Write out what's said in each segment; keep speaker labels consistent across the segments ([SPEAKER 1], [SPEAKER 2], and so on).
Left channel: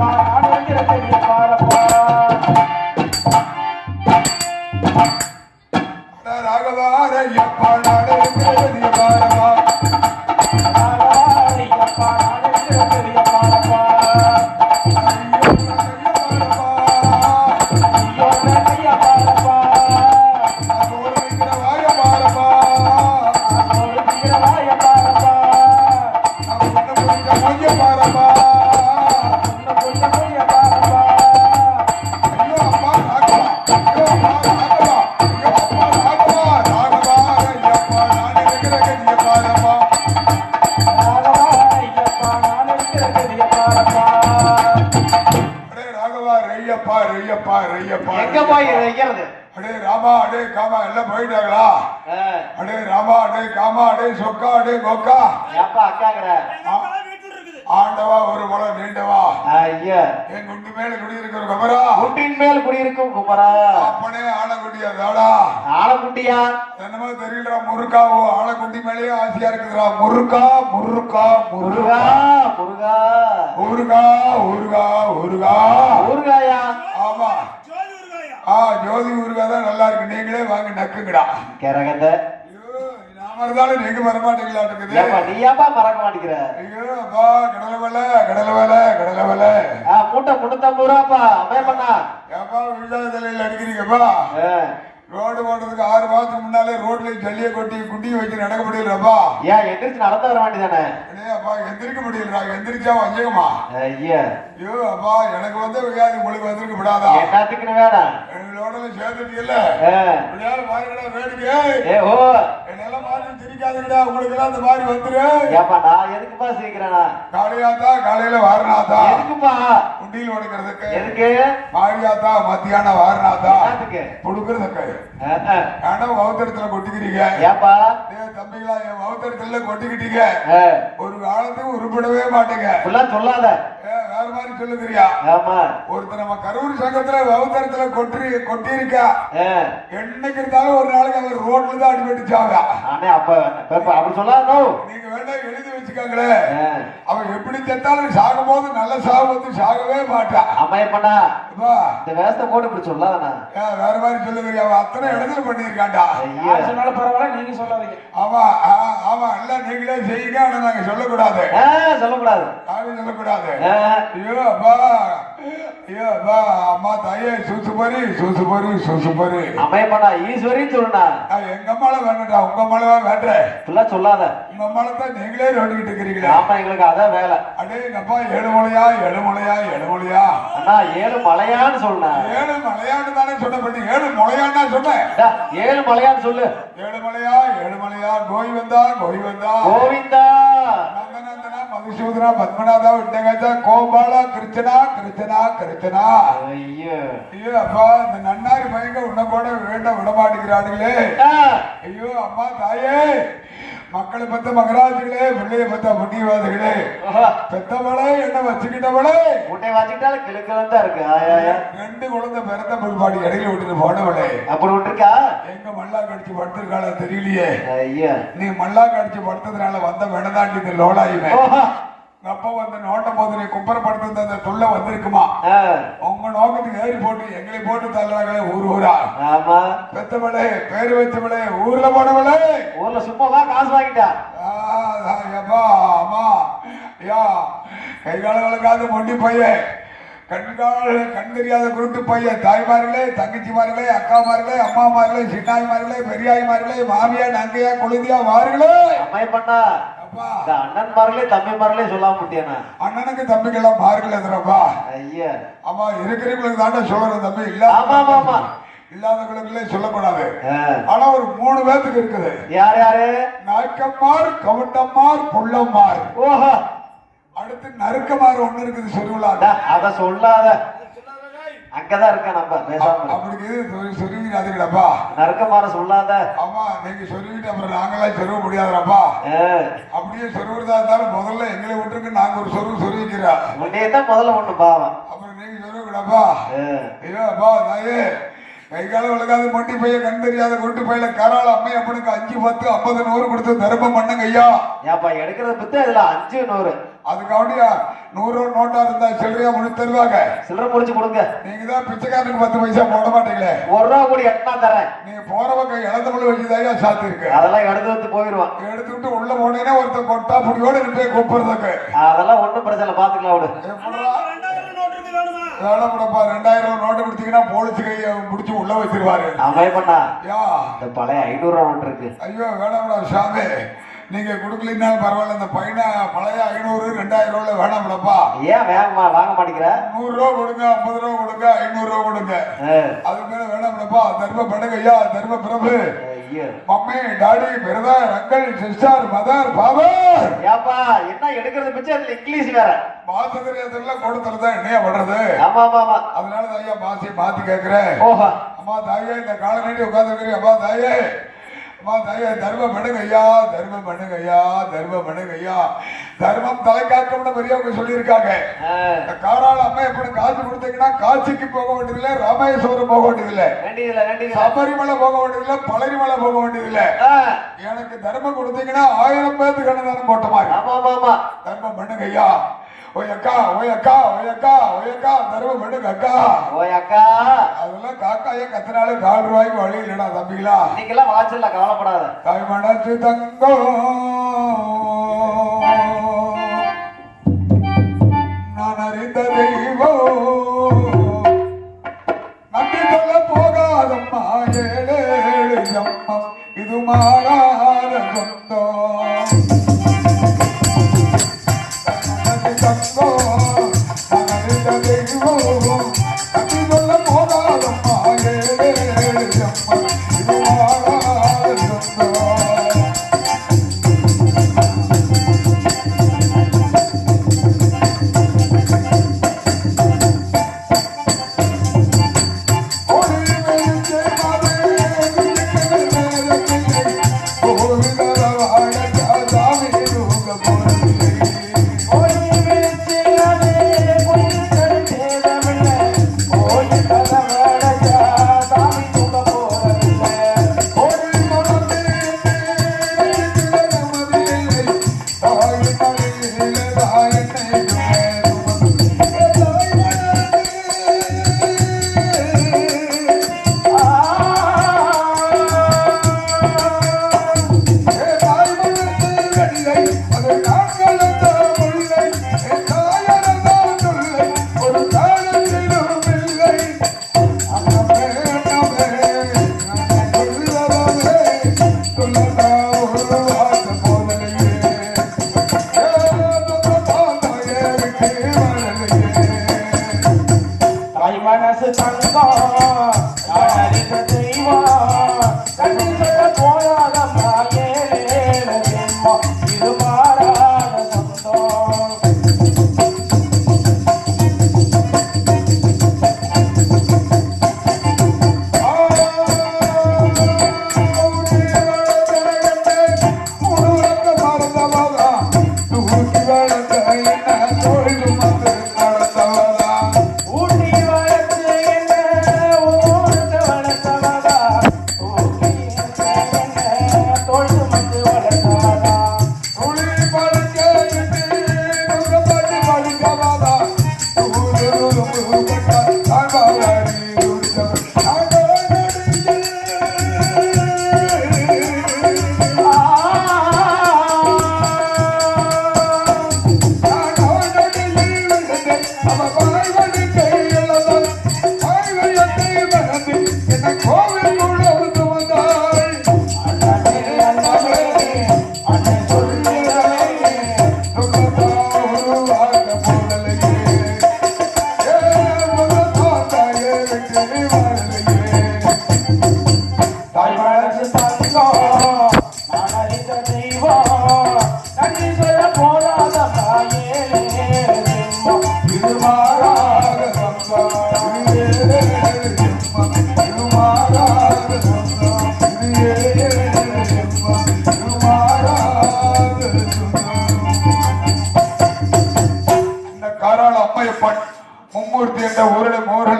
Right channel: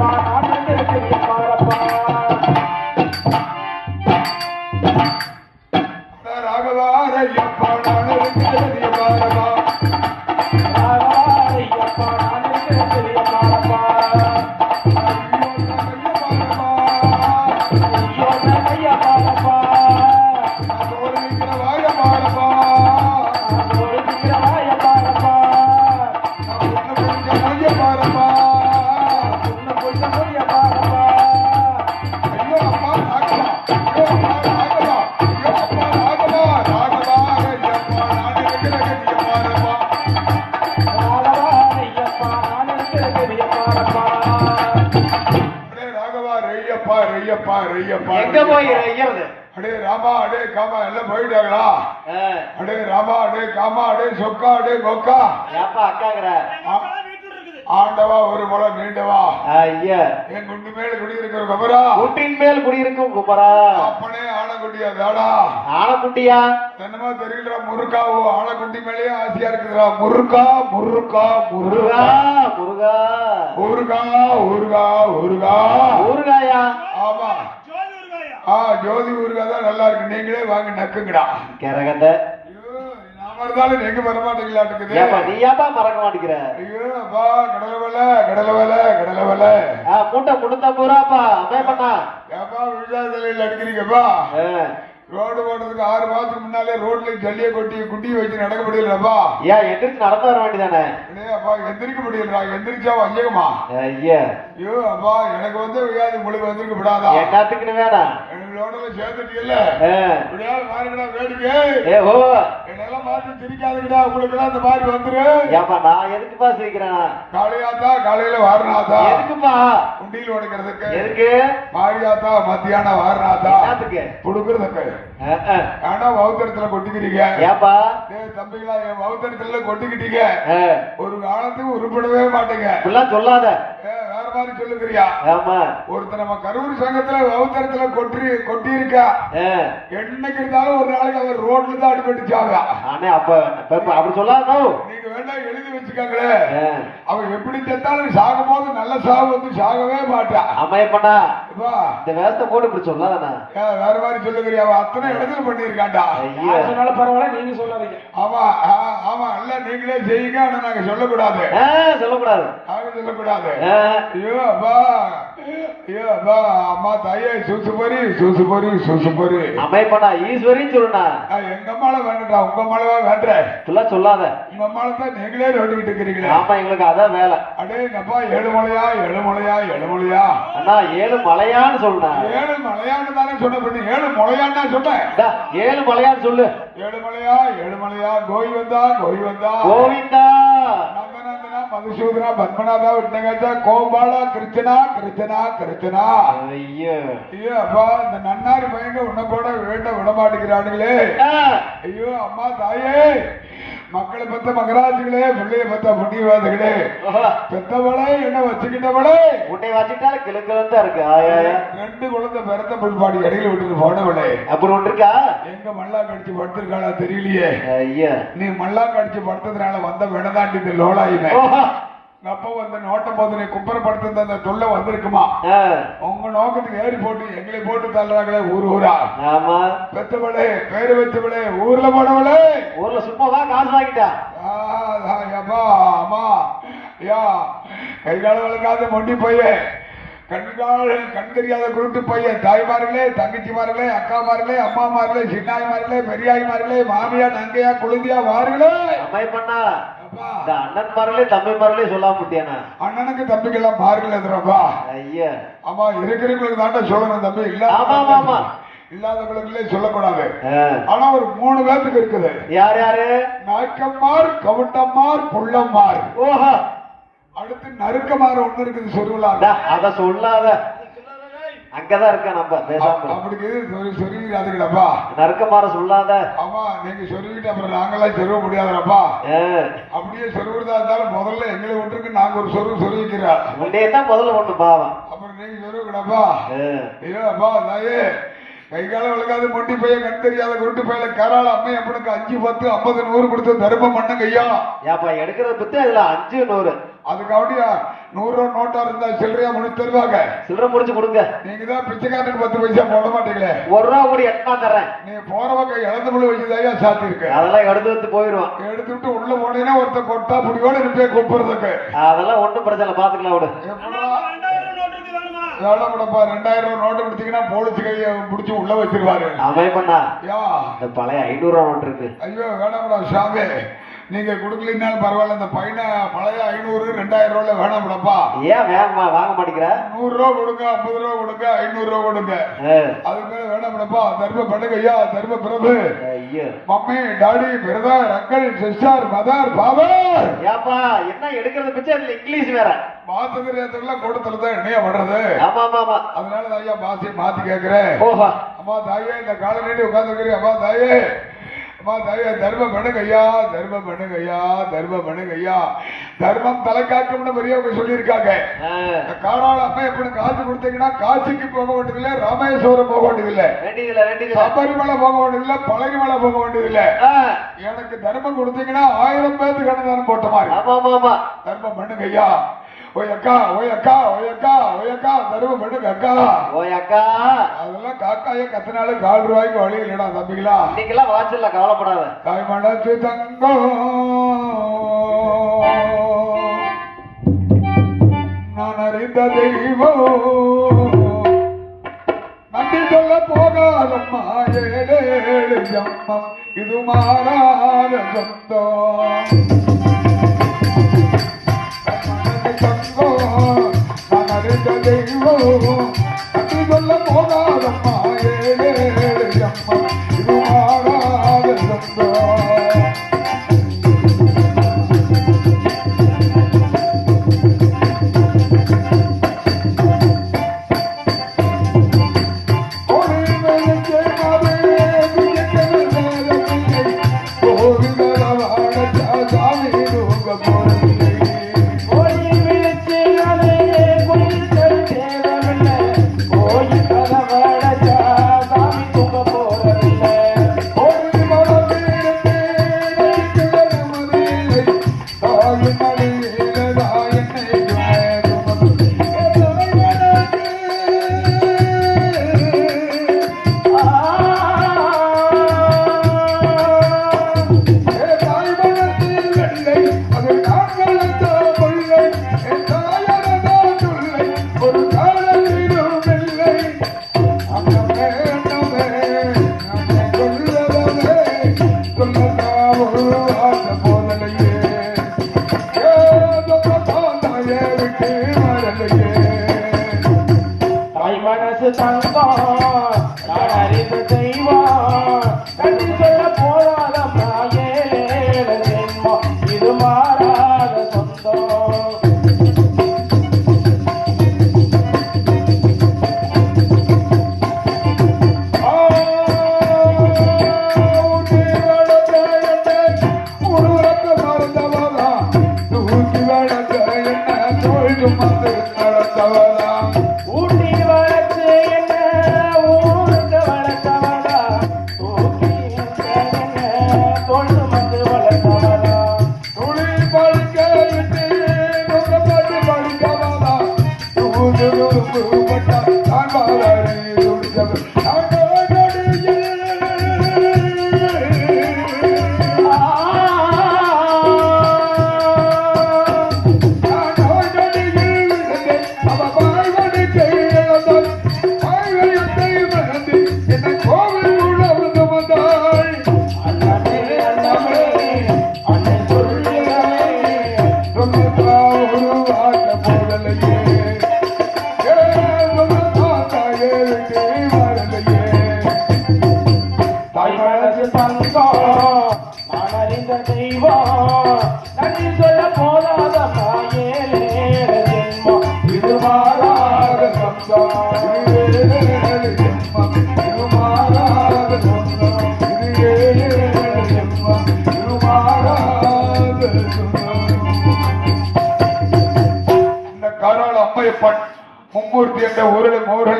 [SPEAKER 1] Bye. கொக்கா
[SPEAKER 2] ஏப்பா அக்காங்கிற.
[SPEAKER 1] ஆண்டவா ஒரு முளம் நீண்டவா?
[SPEAKER 2] ஐயா.
[SPEAKER 1] என் குண்டி மேல குடியிருக்கிற கபரா
[SPEAKER 2] குட்டின் மேல் குடியிருக்கும் குப்பரா
[SPEAKER 1] அப்பனே ஆனக்குட்டியா தாடா
[SPEAKER 2] ஆனக்குட்டியா?
[SPEAKER 1] என்னமோ தெரியல முருக்காவோ ஆனக்குட்டி மேலேயே ஆசையா இருக்குதுடா. முருக்கா முருக்கா
[SPEAKER 2] முருகா
[SPEAKER 1] முருகா
[SPEAKER 2] முருகா
[SPEAKER 1] ஊருகா ஊருகா ஊருகா
[SPEAKER 2] முருகாயா
[SPEAKER 1] ஆமா. ஆ ஜோதி ஊருகா தான் நல்லா இருக்கு. நீங்களே வாங்க நக்குங்கடா.
[SPEAKER 2] கிரகந்த.
[SPEAKER 1] இருந்தாலும் நீங்க வர மாட்டீங்களாட்டுக்குது
[SPEAKER 2] ஏப்பா நீ ஏப்பா மறக்க மாட்டேங்கிற
[SPEAKER 1] ஐயோ அப்பா கடலை வேலை கடலை வேலை கடலை வேலை.
[SPEAKER 2] ஆ, மூட்டை முன்னூத்தம்பது ரூபாப்பா அமே பண்ணா.
[SPEAKER 1] ஏப்பா விழாதலையில் அடிக்கிறீங்கப்பா. ரோடு போடுறதுக்கு ஆறு மாதத்துக்கு முன்னாலே ரோட்ல ஜல்லியை கொட்டி குட்டி வச்சு நடக்க முடியலப்பா.
[SPEAKER 2] ஏன் எந்திரிச்சு நடந்து வர வேண்டியதானே?
[SPEAKER 1] அப்பா எந்திரிக்க முடியலடா. எந்திரிச்சா வையமா
[SPEAKER 2] ஐயா.
[SPEAKER 1] ஐயோ அப்பா எனக்கு வந்து உங்களுக்கு வந்திருக்க விடாதா?
[SPEAKER 2] என்னத்துக்குன்னு வேணாம்.
[SPEAKER 1] எங்களோட சேர்ந்துட்டீங்கல்ல? பாருங்கடா வேடிக்கை
[SPEAKER 2] ஏ ஓ.
[SPEAKER 1] என்னெல்லாம் மாத்தி சிரிக்காதுங்கடா உங்களுக்கு இந்த மாதிரி வந்துரு.
[SPEAKER 2] ஏப்பா நான் எதுக்குப்பா சிரிக்கிறேனா?
[SPEAKER 1] காலையாத்தா காலையில வாரணாத்தா?
[SPEAKER 2] எதுக்குப்பா?
[SPEAKER 1] குண்டியில் உடைக்கிறதுக்கு?
[SPEAKER 2] எதுக்கு?
[SPEAKER 1] மாரியாத்தா மத்தியானம் வாரணாத்தா?
[SPEAKER 2] என்னத்துக்கு?
[SPEAKER 1] புடுக்கிறதுக்கு. ஏன்னா வௌத்தரத்துல கொட்டிக்கிறீங்க?
[SPEAKER 2] ஏப்பா.
[SPEAKER 1] டேய் தம்பிங்களா என் வௌத்தரத்துல கொட்டிக்கிட்டீங்க. ஒரு காலத்துக்கு உருப்படவே மாட்டேங்க.
[SPEAKER 2] சொல்லாத.
[SPEAKER 1] மாதிரி சொல்லுங்கிறியா
[SPEAKER 2] ஆமா.
[SPEAKER 1] ஒருத்தர் நம்ம கரூர் சங்கத்துல வௌத்தரத்துல கொட்டி கொட்டி இருக்கா. என்னைக்கு இருந்தாலும் ஒரு நாளைக்கு அவர் ரோட்ல தான் அடிபட்டுச்சாங்க
[SPEAKER 2] அண்ணே அப்ப அப்ப அப்படி சொல்லாதோ?
[SPEAKER 1] நீங்க வேணா எழுதி வச்சுக்காங்களே. அவன் எப்படி செத்தாலும் சாகும் போது நல்ல சாகு வந்து சாகவே மாட்டான். அப்பா,
[SPEAKER 2] இந்த வேஷத்தை போட்டு இப்படி சொல்லாதண்ணா.
[SPEAKER 1] ஏன் வேற மாதிரி சொல்லுங்கிறியா அவன் அத்தனை இடத்துல பண்ணியிருக்கான்டா.
[SPEAKER 2] ஐயோ.
[SPEAKER 3] பரவாயில்ல நீங்க சொல்லாதீங்க.
[SPEAKER 1] ஆமா ஆமா இல்ல நீங்களே செய்யுங்க ஆனா நாங்க சொல்லக்கூடாது.
[SPEAKER 2] சொல்லக்கூடாது.
[SPEAKER 1] யாரும் சொல்லக்கூடாது. ஐயோ அப்பா. ஐயோ அப்பா. அம்மா தாயே சூசு போரி சூசு போரி சூசு போரி
[SPEAKER 2] அம்மையப்பண்ணா ஈஸ்வரின்னு சொல்லுண்ணா
[SPEAKER 1] நான் எங்க அம்மால வேண்டா உங்க அம்மால வேண்டேன்
[SPEAKER 2] இப்படிலாம் சொல்லாத.
[SPEAKER 1] உங்க அம்மால தான் நீங்களே நோண்டிக்கிட்டு இருக்கிறீங்களா.
[SPEAKER 2] ஆமா எங்களுக்கு அதான் வேலை.
[SPEAKER 1] அடே எங்க அப்பா ஏழுமலையா ஏழுமலையா ஏழுமலையா?
[SPEAKER 2] அண்ணா ஏழு மலையான்னு சொல்லுண்ணா
[SPEAKER 1] ஏழு மலையான்னு தானே சொன்ன பண்ணி ஏழு மலையான்னா சொன்னேன்
[SPEAKER 2] ஏழு மலையான்னு சொல்லு.
[SPEAKER 1] ஏழுமலையா ஏழுமலையா கோய் வந்தா கோய் வந்தா
[SPEAKER 2] கோவிந்தா.
[SPEAKER 1] நந்தனந்தனா மதுசூதனா பத்மநாதா விட்டங்கச்சா கோபாலா கிருஷ்ணா கிருஷ்ணா கிருஷ்ணா.
[SPEAKER 2] ஐயோ.
[SPEAKER 1] ஐயோ அப்பா இந்த நன்னாரி பயங்க உன்னை கூட வேண்ட விட மாட்டேங்கிறானுங்களே. ஐயோ அம்மா தாயே. மக்களை பத்த மகராஜுகளே பிள்ளைய பத்த புண்ணியவாதிகளே. பெத்தவளே என்ன வச்சுக்கிட்டவளே.
[SPEAKER 2] உன்னை வச்சுக்கிட்டாலும் கிழக்கு தான் இருக்கு.
[SPEAKER 1] ரெண்டு குழந்தை பிறந்த பிற்பாடு இடையில விட்டுட்டு போனவளே.
[SPEAKER 2] அப்புறம் இருக்கா
[SPEAKER 1] எங்க மல்லா கடிச்சு படுத்திருக்காளா தெரியலையே.
[SPEAKER 2] ஐயா.
[SPEAKER 1] நீ மல்லா கடிச்சு படுத்ததுனால வந்த வெனதாண்டி இந்த லோடாயுமே. உங்க அப்பா வந்து நோட்டம் போது நீ கும்பரப்படுத்த அந்த தொல்லை வந்திருக்குமா. உங்க நோக்கத்துக்கு ஏறி போட்டு எங்களை போட்டு தள்ளுறாங்களே ஊர் ஊரா? பெத்தவளே பேரு வச்சவளே ஊர்ல போனவளே.
[SPEAKER 2] ஊர்ல சும்மாவா காசு வாங்கிட்டா.
[SPEAKER 1] அப்பா அம்மா ஐயா கை கால வளர்க்காத மொண்டி பையன். கண்கால் கண் தெரியாத குருட்டு பையன் தாய்மார்களே தங்கச்சிமார்களே அக்காமார்களே அம்மாமார்களே சின்னாய்மார்களே பெரியாய்மார்களே மாமியா நங்கையா குழந்தையா
[SPEAKER 2] இந்த அண்ணன் மார்களே தம்பி மார்களே சொல்லாம முடியானா
[SPEAKER 1] அண்ணனுக்கு தம்பிக்கெல்லாம் பாருங்கள் எதிரப்பா
[SPEAKER 2] ஐயா.
[SPEAKER 1] ஆமா இருக்கிறவங்களுக்கு தாண்டா சொல்லணும் தம்பி.
[SPEAKER 2] ஆமா, ஆமா, ஆமா.
[SPEAKER 1] இல்லாத இல்லாதவங்களுக்குள்ளே சொல்லக்கூடாது. ஆனா ஒரு மூணு பேத்துக்கு இருக்குது.
[SPEAKER 2] யார் யாரு?
[SPEAKER 1] நாய்க்கம்மார் கவட்டம்மார் புள்ளம்மார்.
[SPEAKER 2] ஓஹோ.
[SPEAKER 1] அடுத்து நறுக்கமார் ஒண்ணு இருக்குது சொல்லுலாம்
[SPEAKER 2] அத சொல்லாத. அங்கதான் இருக்க நம்ம பேசாம.
[SPEAKER 1] அப்படி சொல்லிக்கிறாதுங்களாப்பா
[SPEAKER 2] நறுக்கமாற சொல்லாத.
[SPEAKER 1] ஆமா நீங்க சொல்லிக்கிட்டு அப்புறம் நாங்களாம் சொல்ல முடியாதுடாப்பா.
[SPEAKER 2] ஆ.
[SPEAKER 1] அப்படியே சொல்லுறதா இருந்தாலும் முதல்ல எங்களை விட்டுருக்கு நாங்க ஒரு சொல்லு சொல்லிக்கிறோம்.
[SPEAKER 2] தான் முதல்ல ஒண்ணு பாவம்.
[SPEAKER 1] அப்புறம் நீங்க சொல்லுங்கடாப்பா. அப்பா தாயே. கை காலம் விளக்காத மொட்டி பையன் கண் தெரியாத கொண்டு பையில கராள அம்மை அப்பனுக்கு அஞ்சு பத்து ஐம்பது நூறு கொடுத்து தர்மம் பண்ணுங்க ஐயா.
[SPEAKER 2] ஏப்பா எடுக்கிற புத்தம் இல்ல அஞ்சு நூறு.
[SPEAKER 1] அதுக்காண்டியா நூறு ரூபா நோட்டா இருந்தா சில்லறையா ஒண்ணு தருவாங்க.
[SPEAKER 2] சில்லறை முடிச்சு கொடுங்க.
[SPEAKER 1] நீங்க தான் பிச்சைக்காரனுக்கு பத்து பைசா போட மாட்டீங்களே?
[SPEAKER 2] ஒரு ரூபா கூட எட்டா தரேன்
[SPEAKER 1] நீ போற பக்கம் இழந்த முள்ள வச்சுதாயா சாத்தி இருக்கு
[SPEAKER 2] அதெல்லாம் எடுத்து வந்து போயிடுவான்.
[SPEAKER 1] எடுத்துட்டு உள்ள போனேன்னா ஒருத்தன் கொட்டா புடியோட நிப்பே கூப்பிடுறதுக்கு.
[SPEAKER 2] அதெல்லாம் ஒண்ணும் பிரச்சனை பாத்துக்கலாம்
[SPEAKER 1] வேணாம்டப்பா ரெண்டாயிரம் ரூபாய் நோட்டு கொடுத்தீங்கன்னா போலீஸ் கையை பிடிச்சி உள்ள வச்சிருவாரு.
[SPEAKER 2] அவன் பண்ணா? இந்த பழைய ஐநூறு ரூபா நோட்டு இருக்கு.
[SPEAKER 1] ஐயோ வேணாம்டா ஷாமே நீங்க கொடுக்கலனாலும் பரவாயில்ல இந்த பையனை பழைய ஐநூறு ரெண்டாயிரம் ரூபாய் வேணாம்டப்பா
[SPEAKER 2] ஏன் வேகமா வாங்க மாட்டேங்கிற
[SPEAKER 1] நூறு ரூபா கொடுங்க ஐம்பது ரூபா கொடுங்க ஐநூறு ரூபா கொடுங்க. அது மேல வேணாம்டப்பா தர்ம படுங்க ஐயா தர்ம பிரபு.
[SPEAKER 2] ஐயோ.
[SPEAKER 1] Mummy daddy brother uncle sister mother father
[SPEAKER 2] ஏப்பா என்ன எடுக்கிறது பிச்சை அதுல இங்கிலீஷ் வேற.
[SPEAKER 1] மாசத்திரியத்தெல்லாம் கொடுத்துருந்தா என்னையா பண்றது?
[SPEAKER 2] ஆமா ஆமா
[SPEAKER 1] அதனால தான் ஐயா பாசியை மாத்தி கேட்கிறேன்
[SPEAKER 2] ஓஹோ
[SPEAKER 1] அம்மா தாயே இந்த கால நீட்டி உட்காந்துருக்கிறீங்க அம்மா தாயே. அம்மா தர்மம் பண்ணுங்க ஐயா தர்மம் பண்ணுங்க ஐயா தர்மம் பண்ணுங்க ஐயா தர்மம் தலைக்காட்டம்னு பெரியவங்க சொல்லியிருக்காங்க காராள அப்பா எப்படி காசு கொடுத்தீங்கன்னா காசிக்கு போக வேண்டியதில்லை ராமேஸ்வரம் போக வேண்டியதில்லை. சபரிமலை போக வேண்டியதில்லை பழனிமலை போக வேண்டியதில்லை. எனக்கு தர்மம் கொடுத்தீங்கன்னா ஆயிரம் பேருக்கு அன்னதானம் போட்ட மாதிரி. தர்மம் பண்ணுங்க ஐயா ஓய் அக்கா ஓய் அக்கா ஓய் அக்கா ஓய் அக்கா தர்மம் பண்ணுங்க அக்கா
[SPEAKER 2] ஓய் அக்கா
[SPEAKER 1] அதெல்லாம் காக்காய கத்தினால கால் ரூபாய்க்கு வழி இல்லடா தம்பிங்களா
[SPEAKER 2] இன்னைக்கெல்லாம் வாட்சில்ல கவலைப்படாத.
[SPEAKER 1] தாய் மனசு தங்கம்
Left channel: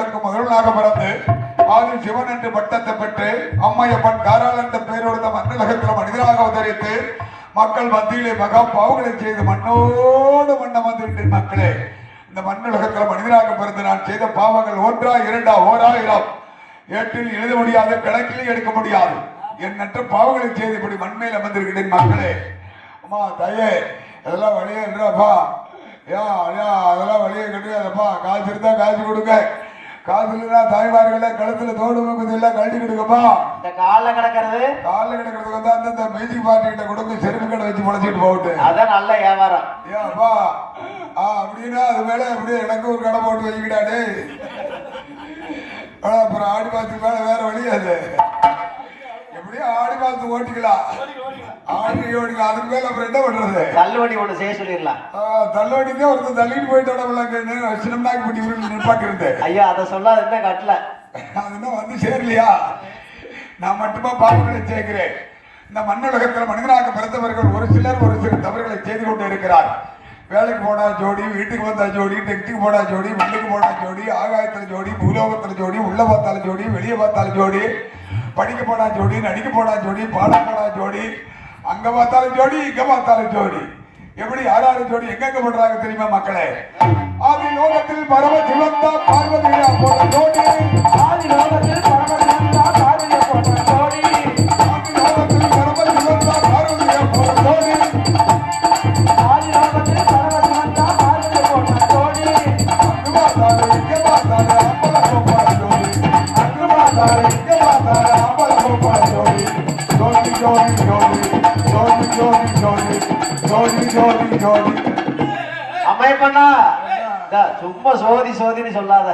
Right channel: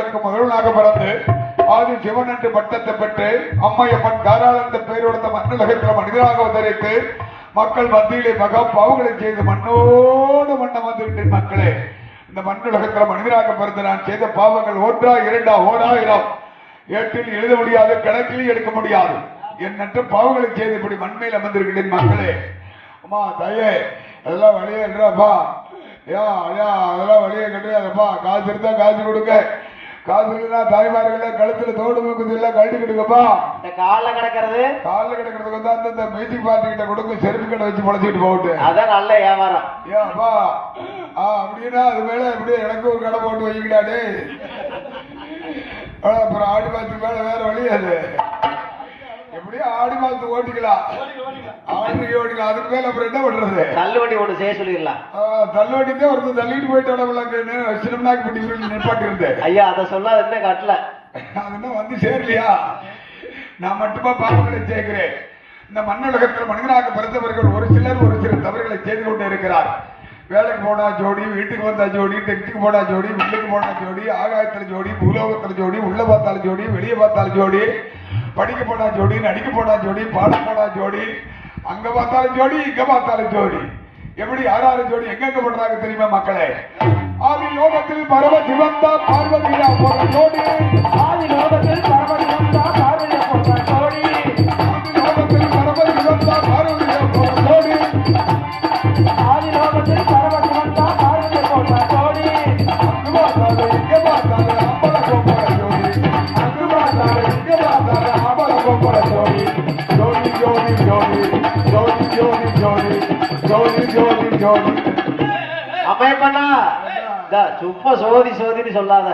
[SPEAKER 1] அவர்களுக்கு ஊர்களுக்கு பிறந்து ஆதி சிவன் என்று பட்டத்தை பெற்று அம்மையப்பன் காராள என்ற பெயரோட மண்ணுலகத்தில் மனிதராக அவதரித்து மக்கள் மத்தியிலே மகா பாவங்களை செய்து மண்ணோடு மண்ணம் வந்துவிட்டேன் மக்களே இந்த மண்ணுலகத்தில் மனிதராக பிறந்து நான் செய்த பாவங்கள் ஒன்றா இரண்டா ஓராயிரம் ஏட்டில் எழுத முடியாது கணக்கில் எடுக்க முடியாது. எண்ணற்ற பாவங்களை செய்து இப்படி மண்மையில் அமர்ந்திருக்கிறேன் மக்களே அம்மா தாயே எல்லாம் வழியே இல்லப்பா ஏன் அதெல்லாம் வழியே கிடையாதுப்பா காசு இருந்தா காசு கொடுங்க. காசு இருந்தா தாய்மார்கள் கழுத்துல தோடு கழட்டி கொடுங்கப்பா
[SPEAKER 2] இந்த காலில் கிடக்கிறது?
[SPEAKER 1] காலில் கிடக்கிறதுக்கு வந்து அந்த மேஜிக் பார்ட்டி கிட்ட கொடுங்க செருப்பு கடை வச்சு முளைச்சிட்டு போகட்டு
[SPEAKER 2] அதான் நல்ல வியாபாரம்.
[SPEAKER 1] ஏன் அப்பா. ஆ அப்படின்னா அது மேல இப்படியே எனக்கு ஒரு கடை போட்டு வைக்கடாடே அப்புறம் ஆடி மாசத்துக்கு மேல வேற வழி அது. எப்படியோ ஆடி மாசத்துக்கு ஓட்டிக்கலாம். ஆடிக்கு ஓட்டிக்கலாம் அதுக்கு மேல அப்புறம் என்ன பண்றது
[SPEAKER 2] ஒன்று செய்ய சொல்லிடலாம்.
[SPEAKER 1] தள்ளுவண்டி தான் ஒருத்தர் தள்ளிட்டு போயிட்டு வச்சிருந்தாக்கு பண்ணி உருளி நிப்பாட்டி இருந்தேன்
[SPEAKER 2] ஐயா அதை சொல்லாத என்ன கட்டல.
[SPEAKER 1] இன்னும் வந்து சேரலையா? நான் மட்டுமா பாவங்களை சேர்க்கிறேன். இந்த மண்ணுலகத்தில் மனிதனாக பிறந்தவர்கள் ஒரு சிலர் ஒரு சில தவறுகளை செய்து கொண்டு இருக்கிறார். வேலைக்கு போனா ஜோடி வீட்டுக்கு வந்தா ஜோடி டெக்டிக்கு போனா ஜோடி மில்லுக்கு போனா ஜோடி ஆகாயத்துல ஜோடி பூலோகத்துல ஜோடி உள்ள பார்த்தாலும் ஜோடி வெளியே பார்த்தாலும் ஜோடி படிக்க போனா ஜோடி நடிக்க போனா ஜோடி பாட போனா ஜோடி அங்க பார்த்தாலும் ஜோடி இங்க பார்த்தாலும் ஜோடி. எப்படி யார் ஜோடி எங்கெங்க பண்றாங்க தெரியுமா மக்களே? ஆதி லோகத்தில் பரம சிவந்தா பார்வதியா போல ஜோடி
[SPEAKER 3] ஆதி லோகத்தில்
[SPEAKER 2] சும்மா சோதி சோதின்னு சொல்லாத.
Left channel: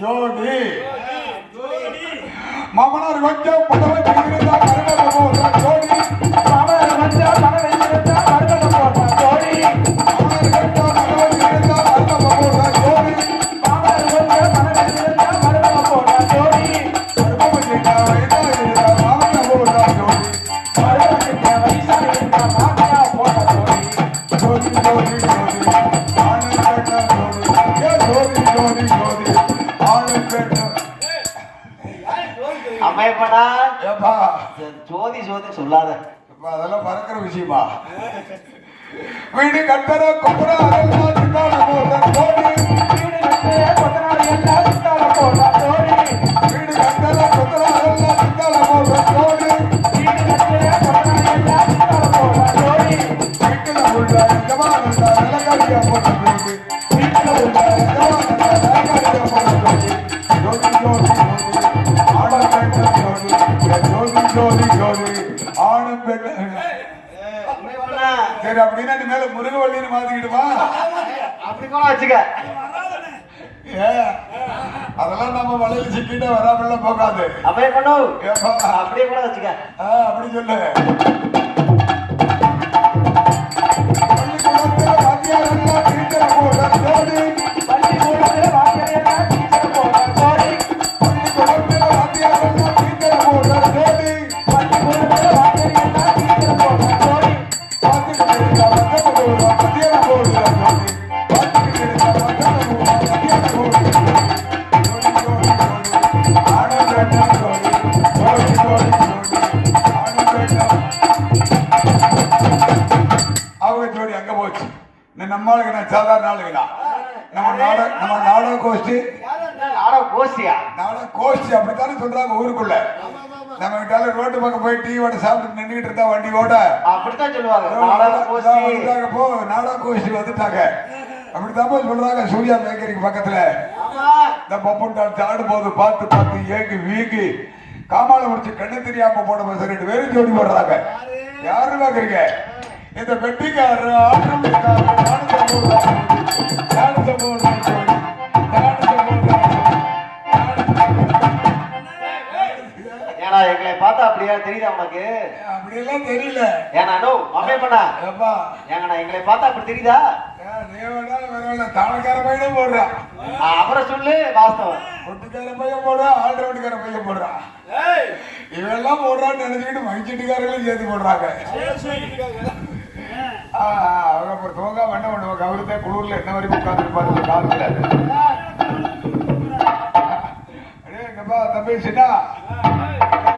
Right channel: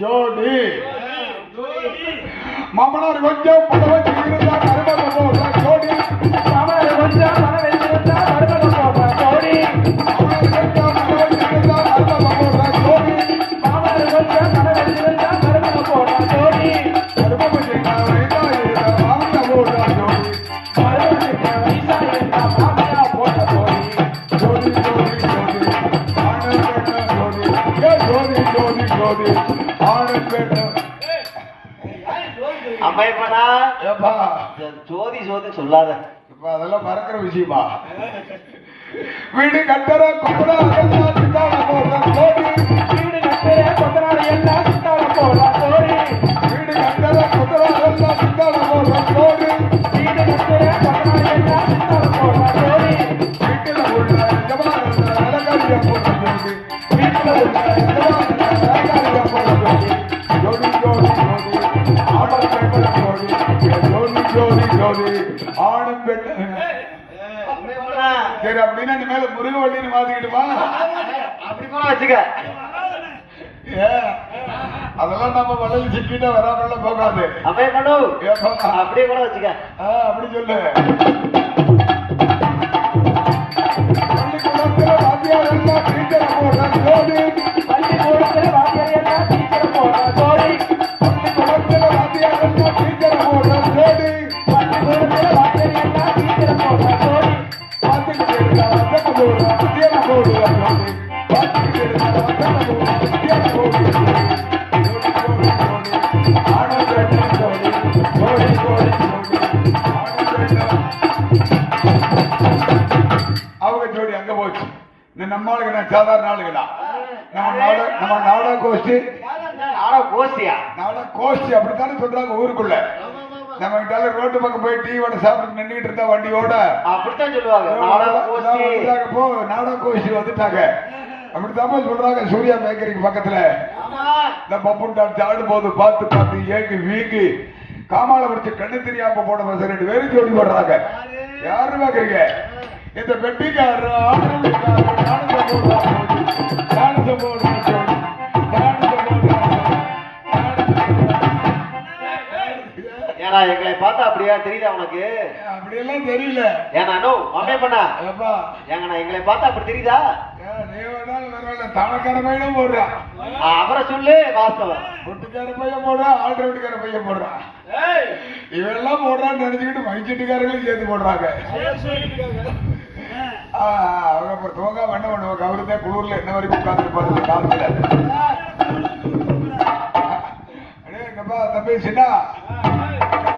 [SPEAKER 1] ஜோடி மமனர் கொஞ்சம் புடவை வீடு கட்டுற
[SPEAKER 2] கூட
[SPEAKER 1] அதெல்லாம் நம்ம மலையில சிக்கிட்டா வராமல போகாது.
[SPEAKER 2] அம்மையப்பண்ணு
[SPEAKER 1] ஏப்பா,
[SPEAKER 2] அப்படியே கூட வச்சுக்க.
[SPEAKER 1] அப்படி சொல்லு. அப்படித்தானே சொல்றாங்க ஊருக்குள்ள. நம்ம கிட்ட ரோட்டு பக்கம் போய் டீ வடை சாப்பிட்டு நின்றுட்டு இருந்தா வண்டியோட
[SPEAKER 2] அப்படித்தான் சொல்லுவாங்க.
[SPEAKER 1] போ நாடா கோஷ்டி வந்துட்டாங்க. அப்படித்தான் சொல்றாங்க சூர்யா பேக்கரிக்கு பக்கத்துல. இந்த பப்பன் டான்ஸ் ஆடும்போது பார்த்து பார்த்து ஏங்கி வீங்கி காமால முடிச்ச கண்ணு தெரியாம போட ரெண்டு பேரும் ஜோடி போடுறாங்க. யாரு பாக்குறீங்க இந்த பெட்டிக்காரர் ஆடுறதுக்காரர் டான்ஸ் போடுறாங்க.
[SPEAKER 2] ஏன்னா எங்களை பார்த்தா அப்படியா? தெரியுதா உனக்கு?
[SPEAKER 1] அப்படியெல்லாம் தெரியல.
[SPEAKER 2] ஏன்னா நோ அம்மையப்பண்ணா
[SPEAKER 1] ஏப்பா.
[SPEAKER 2] ஏங்கண்ணா எங்களை பார்த்தா அப்படி தெரியுதா?
[SPEAKER 1] தாளக்கார பையனே போடுறான்
[SPEAKER 2] அவரை சொல்லு வாஸ்தவம்.
[SPEAKER 1] பொட்டுக்கார பையன் போடுறான் ஆல்ரவுண்டுக்கார பையன் போடுறான் இவெல்லாம் போடுறான்னு நினைச்சுக்கிட்டு மைச்சீட்டுக்காரங்களையும் சேர்த்து போடுறாங்க. ஆ, அவங்க அப்புறம் தூங்க வண்ண பண்ணுவாங்க அவருதே குளிர்ல என்ன வரைக்கும் அடே, இங்கப்பா, தம்பி சின்ன?